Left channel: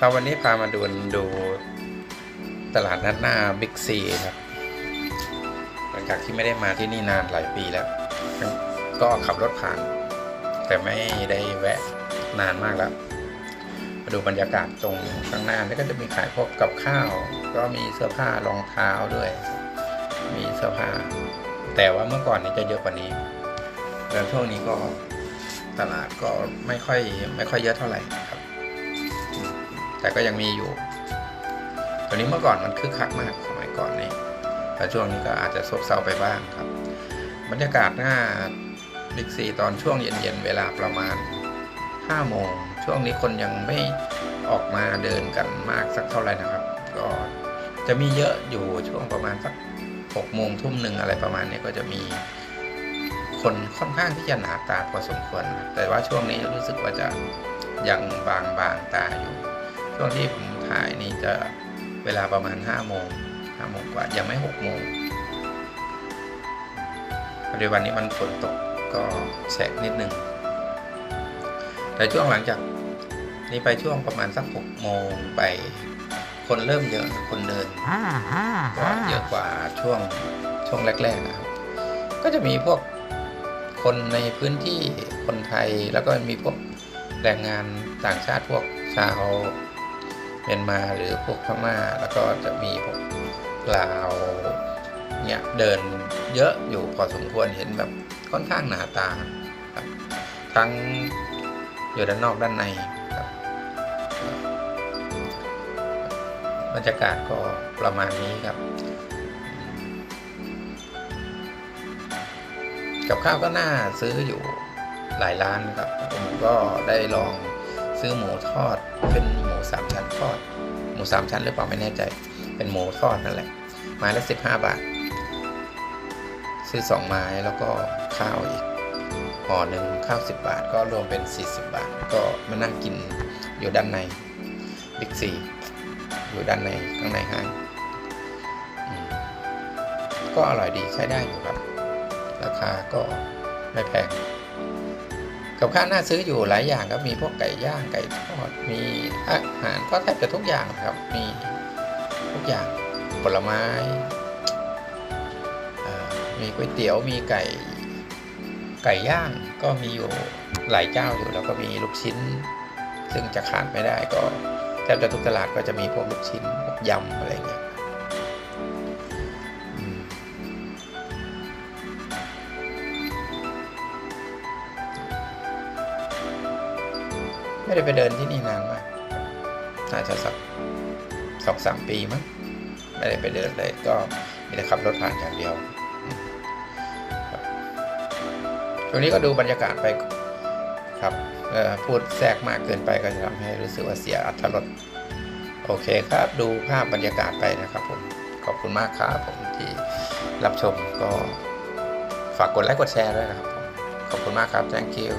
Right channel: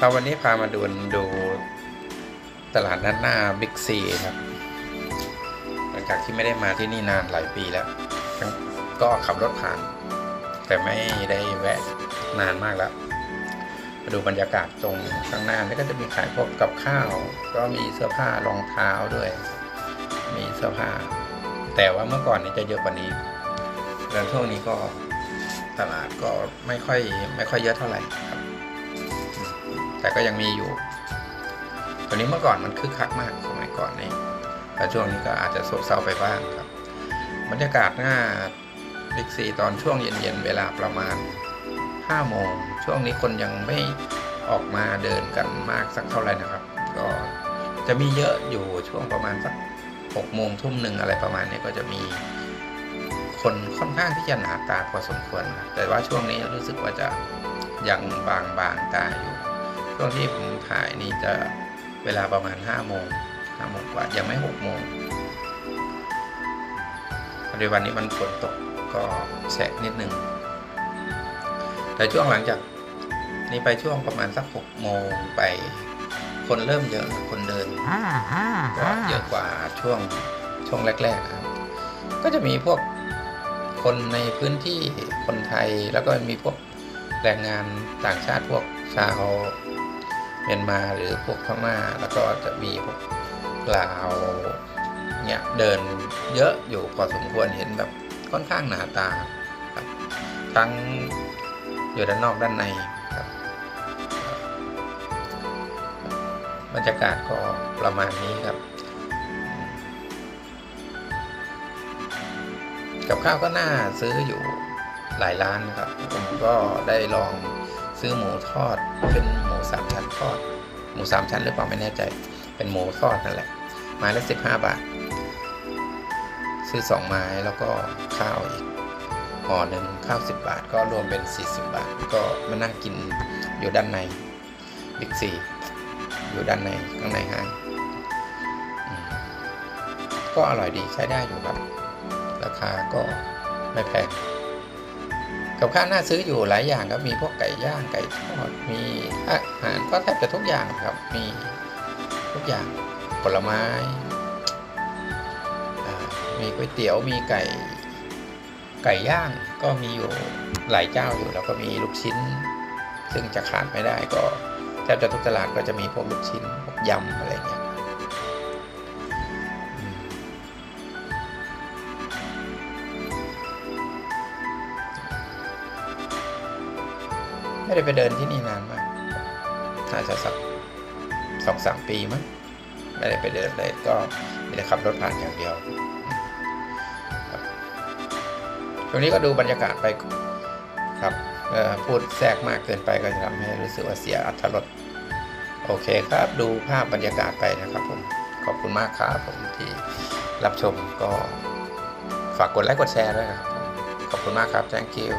ครับวันนี้พามาดูดูตลาดนัดหน้าบิ๊กซีครับ หลังจากที่ไม่ได้มาที่นี่นานหลายปีแล้ว ก็ขับรถผ่าน แต่ไม่ได้แวะนานมากแล้ว มาดูบรรยากาศตรงข้างหน้านี่ก็จะมีขายพวกกับข้าว ก็มีเสื้อผ้ารองเท้าด้วย มีเสื้อผ้า แต่ว่าเมื่อก่อนนี้จะเยอะกว่านี้แล้วช่วงนี้ก็ตลาดก็ไม่ค่อยไม่ค่อยเยอะเท่าไหร่ครับ แต่ก็ยังมีอยู่ ตัวนี้เมื่อก่อนมันคึกคักมากสมัยก่อนนี่แต่ช่วงนี้ก็อาจจะซบเซาไปบ้างครับ บรรยากาศหน้าบิ๊กซีตอนช่วงเย็นๆเวลาประมาณ5โมงช่วงนี้คนยังไม่ออกมาเดินกันมากสักเท่าไหร่นะครับ ก็จะมีเยอะอยู่ช่วงประมาณสัก6โมงทุ่มหนึ่งอะไรประมาณนี้ก็จะมีคนค่อนข้างที่จะหนาตาพอสมควร แต่ว่าช่วงนี้รู้สึกว่าจะยังบางบางๆตาอยู่ ช่วงที่ผมถ่ายนี่จะเวลาประมาณ5โมง5โมงกว่ายังไม่6โมงพอดีวันนี้มันฝนตกก็แฉะนิดนึง แต่ช่วงหลังจากนี้ไปช่วงประมาณสัก6โมงไป คนเริ่มเยอะคนเดินก็เยอะกว่าช่วงช่วงแรก ๆ นะครับ ก็จะมีพวกคนในพื้นที่คนไทยแล้วก็มีพวกแรงงานต่างชาติพวกชาว เมียนมาหรือพวกพม่า แล้วก็จะมีพวกลาวเนี่ยเดินเยอะอยู่พอสมควรเห็นแบบค่อนข้างหนาตาครับทั้งอยู่ด้านนอกด้านในครับบรรยากาศก็ประมาณนี้ครับ กับข้าวก็น่าซื้ออยู่หลายร้านครับ ผมก็ได้ลองซื้อหมูทอดเป็น มูสามชั้นทอด หมูสามชั้นหรือเปล่าไม่แน่ใจ เป็นหมูทอดนั่นแหละ ไม้ละสิบห้าบาท ซื้อสองไม้แล้วก็ข้าวอีกห่อหนึ่งข้าวสิบบาท ก็รวมเป็นสี่สิบบาท ก็มานั่งกินอยู่ด้านในบิ๊กซีอยู่ด้านในข้างในห้างก็อร่อยดีใช้ได้อยู่ครับ ราคาก็ไม่แพง กับข้าวน่าซื้ออยู่หลายอย่างครับมีพวกไก่ย่างไก่ทอดมีอาหารก็แทบจะทุกอย่างครับมีทุกอย่างผลไม้มีก๋วยเตี๋ยวมีไก่ไก่ย่างก็มีอยู่หลายเจ้าอยู่แล้วก็มีลูกชิ้น ซึ่งจะขาดไม่ได้ก็แทบจะทุกตลาดก็จะมีพวกลูกชิ้นพวกยำอะไรเงี้ย ไม่ได้ไปเดินที่นี่นานมากน่าจะสักสองสามปีมั้งไม่ได้ไปเดินเลยก็มีแต่ขับรถผ่านอย่างเดียวอืมครับช่วงนี้ก็ดูบรรยากาศไปครับพูดแทรกมากเกินไปก็จะทำให้รู้สึกว่าเสียอัตรสโอเคครับ ดูภาพบรรยากาศไปนะครับผม ขอบคุณมากครับผมที่รับชมก็ฝากกดไลค์กดแชร์ด้วยนะครับผม ขอบคุณมากครับ thank you